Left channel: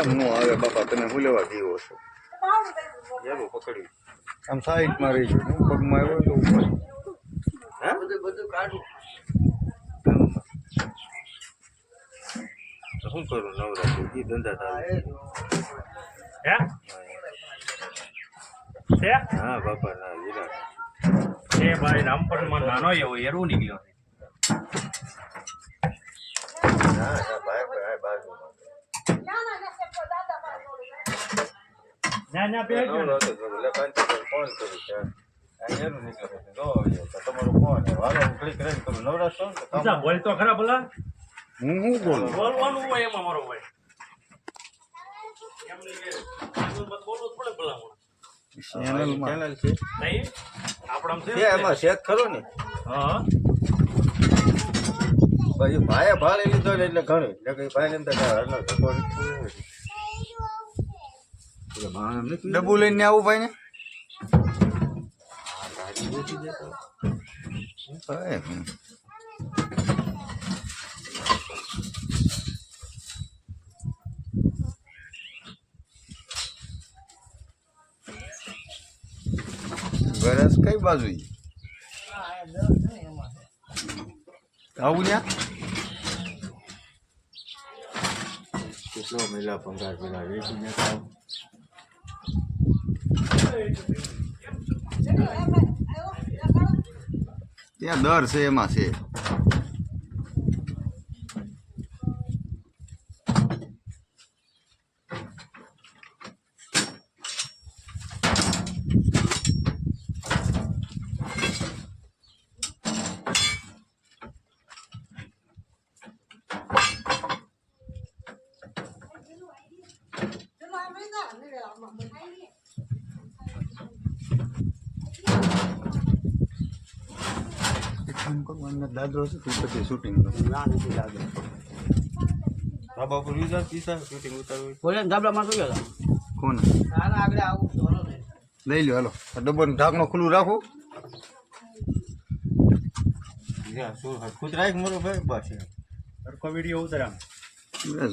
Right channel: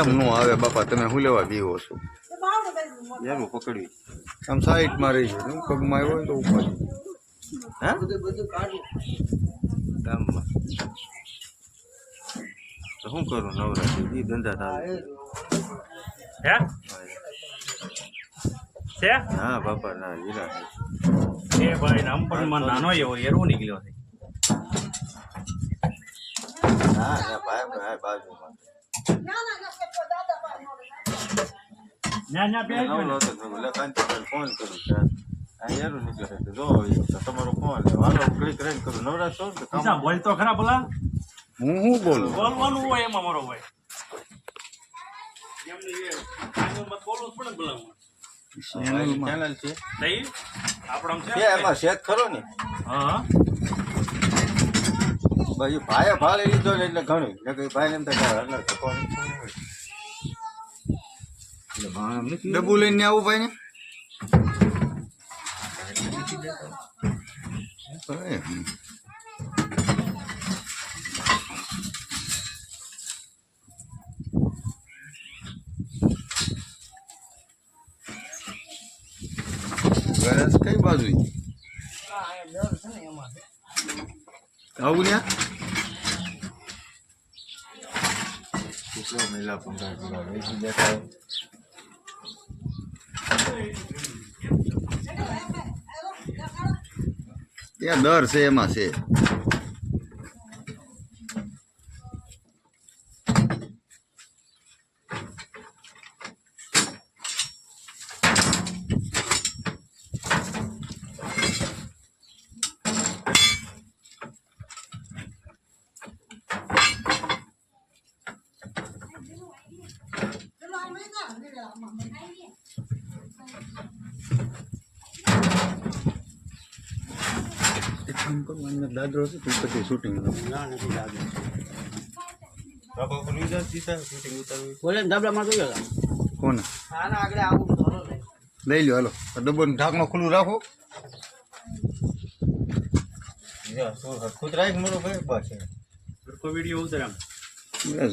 એમ નો આવે બાપા, તમે શું લેવા પીવો છો? પકડી આમ સાઈડમાં રહી જાય, પગમાં આવ્યો તો ઉપર બધું કાઢું. શું કરું? નવરાત્રી એ ધંધા થાય. હા બાપા ના લીલા એ ભાઈ રામપુરમાં નાનો એવો એરું નીકળ્યો છે. ના ના ભાઈ બાજુમાં ના બે ફોન કરું એરું નીકળે છે. જો તમારો ફોન હાલો ક્લિક કરીને કરું. નવરાશ છો ને બોલ તો ખરા બોલા. હું શું બોલું? બોલવાનું હોય એમાં મારો ભાઈ. બોલવું પડે બોલાવું. ચેનલ છે નહીં આપણે એમાં સેટ ખરો ને. હા બાજુ ભાઈએ ભાડે લીધો ને એટલે ઘણું ભાઈ ને ડબ્બુ લઈને આવું ભાઈ ને. ગરજ કઈ બાજુ આવું ને? કેટલો મહિલા 15 કિલો વેચી દેખાય. ત્યાં દર છે એમાં છે. દાદરો છે તું પછી શૂટિંગ ના નથી લાગે. શૂટિંગ ઉતારવું બોલે ધાબળામાં તો ગયા કોને આગળ આવું ધોરો લઈ લ્યો. હાલો ડબ્બો ઢાંકણું ખુલ્લું રાખો. ખુદ રાખ મારો ભાઈ બસ સરખો વિડીયો ઉતાર આમ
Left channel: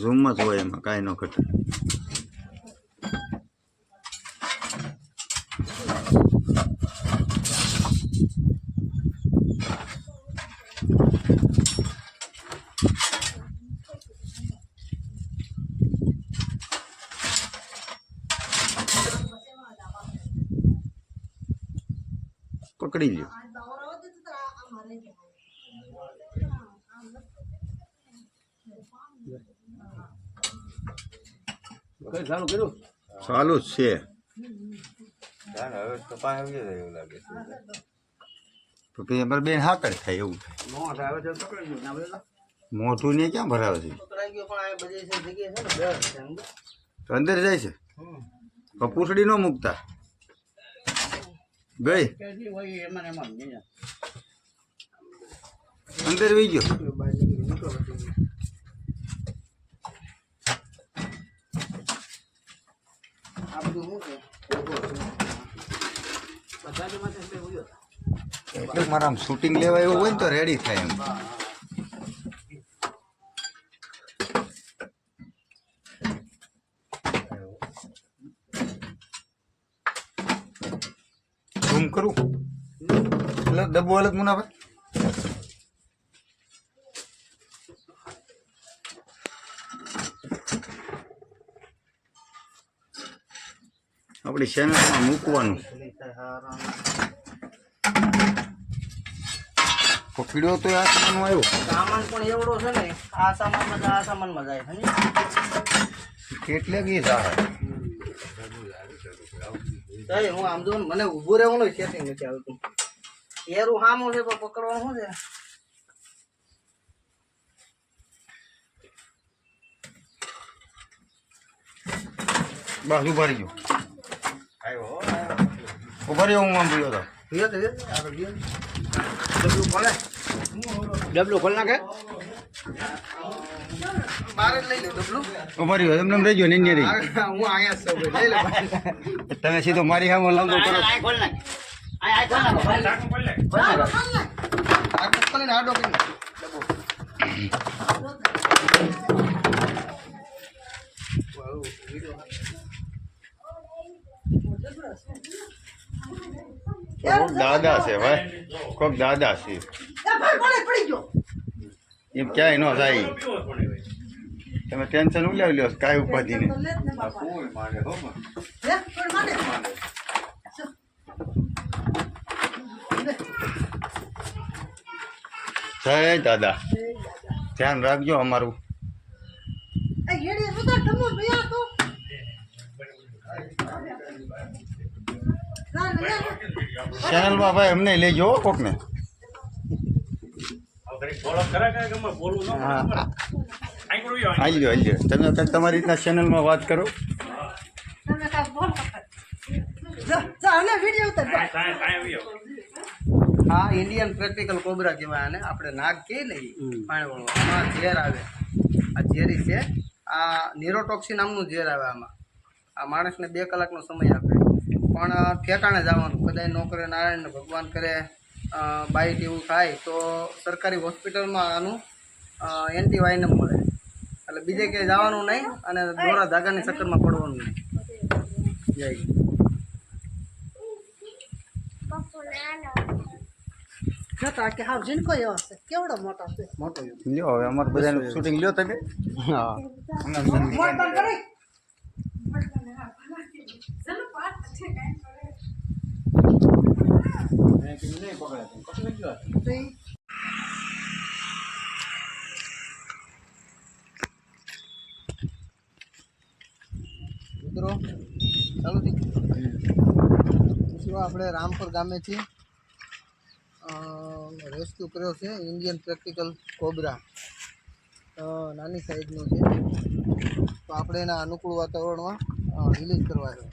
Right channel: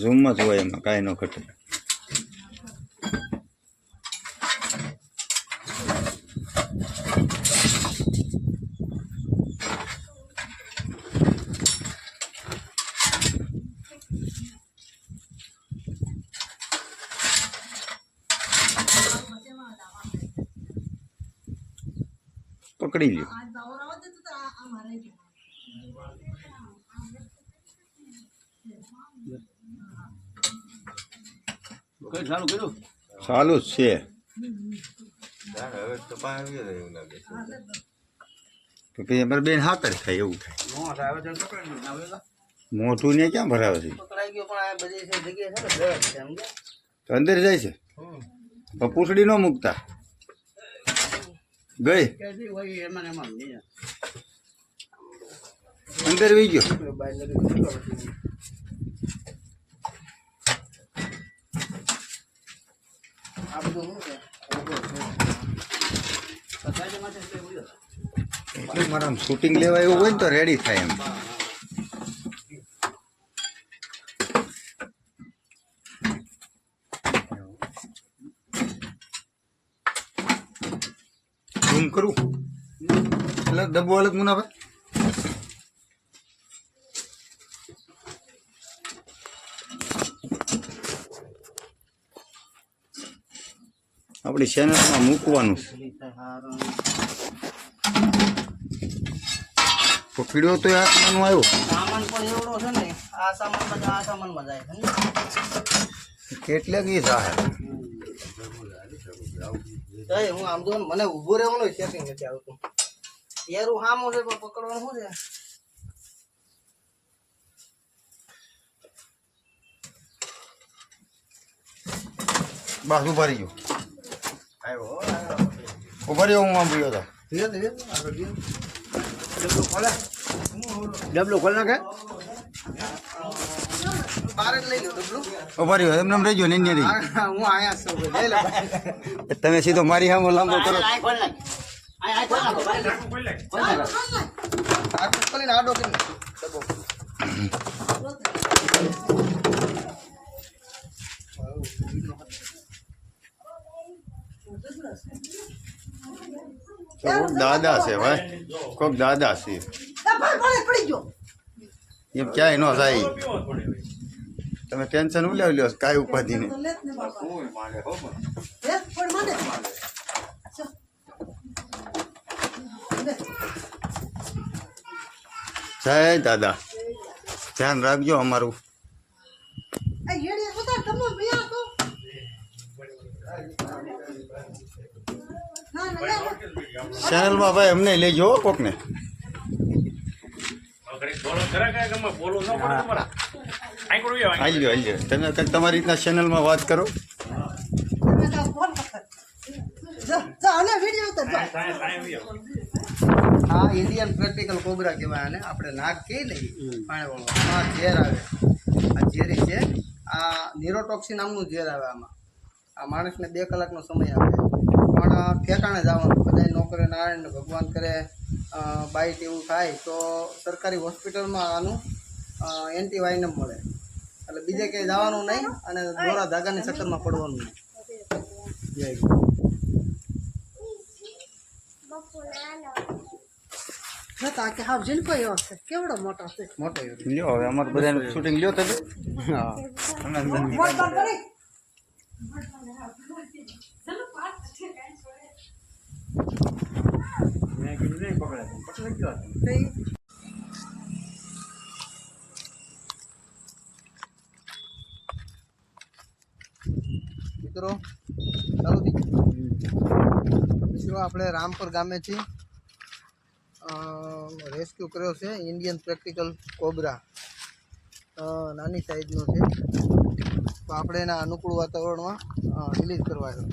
ઝૂમમાં જ હોય, એમાં કાંઈ ન ઘટે. પકડી લ્યો. ચાલુ કર્યું ચાલુ જ છે. પછી અમારે બેન હાકર થાય એવું થાય. મોઢું ને ક્યાં ભરાવે છે? પકડાઈ ગયો પણ આ બધી જગ્યાએ છે ને તો અંદર જાય છે. પૂછડી ન મૂકતા ગઈ અંદર વી ગયો. એટલે મારા શૂટિંગ લેવા એવું હોય ને તો રેડી થાય એમ. ઝૂમ કરું એટલે ડબ્બો અલગ મુનાભાઈ. આપણી ચેનલમાં મૂકવાનું. પકડ્યો તો આસમાનનો આવ્યો સામાન પણ એવડો છે ને. આ સામાનમાં જાય છે એટલે કે સહાય. હું આમ જો મને ઊભું રહેવાનું સેટિંગ નથી આવતું. એરું સામું છે પણ પકડવાનું શું છે? બસ ઉભા રહી ગયો. ઉભા રહ્યો. હું આમ ગયો હતો. ડબલું ખોલ નાખે. બાર જ લઈ લો ડબલું. ઉભા રહ્યો. એમને રહી ગયો ને રહી. હું અહીંયા છું ભાઈ. લઈ લે. તમે સીધો મારી સામે લાંબો કરો. ખોલ નાખ. આ ખોલ નાખો ભાઈ. ખોલ નાખો. આડો કરીને ડબ્બો. કોક દાદા છે ભાઈ, કોક દાદા છે એમ ક્યાંય ન થાય. તમે ટેન્શન ઉલાવી લ્યો કાંઈ ઉપાધિ નહીં. જય દાદા, ધ્યાન રાખજો અમારું. ચેનલમાં ભાઈ અમને લેજો હો કોકને. હાલ્યો તમે કંઈક તમારી રીતના ચેનલમાં વાત કરો. આ ઇન્ડિયન પ્રેક્ટિકલ કોબરા કહેવાય આને. આપણે નાગ કહી લઈએ પાણીવાળો. આમાં ઝેર આવે, આ ઝેરી છે. આ નિરોટોક્સિન નામનું ઝેર આવે આમાં. આ માણસને 2 કલાકનો સમય આપે, પણ ઠેકાણે જવાનું. કદાચ નો કરે નારાયણ ને ભગવાન કરે બાઈટ એવું થાય તો સરકારી હોસ્પિટલમાં આનું એન્ટીવાયનમ મળે. એટલે બીજે ક્યાંય જવાનું નહીં અને દોરા ધાગાની ચક્કરમાં પડવાનું નહીં. જય કેવડો મોટો છે. મોટો લ્યો હવે અમારે બધાનું શૂટિંગ લ્યો તમે. હા મિત્રો ચાલુ થઈ મિત્રો આપણે રામપુર ગામે છીએ. રેસ્ક્યુ કર્યો છે ઇન્ડિયન પ્રેક્ટિકલ કોબરા. નાની સાઈઝનો છે, તો આપણે એના અનુકૂળ વાતાવરણમાં રિલીઝ કરવા છે.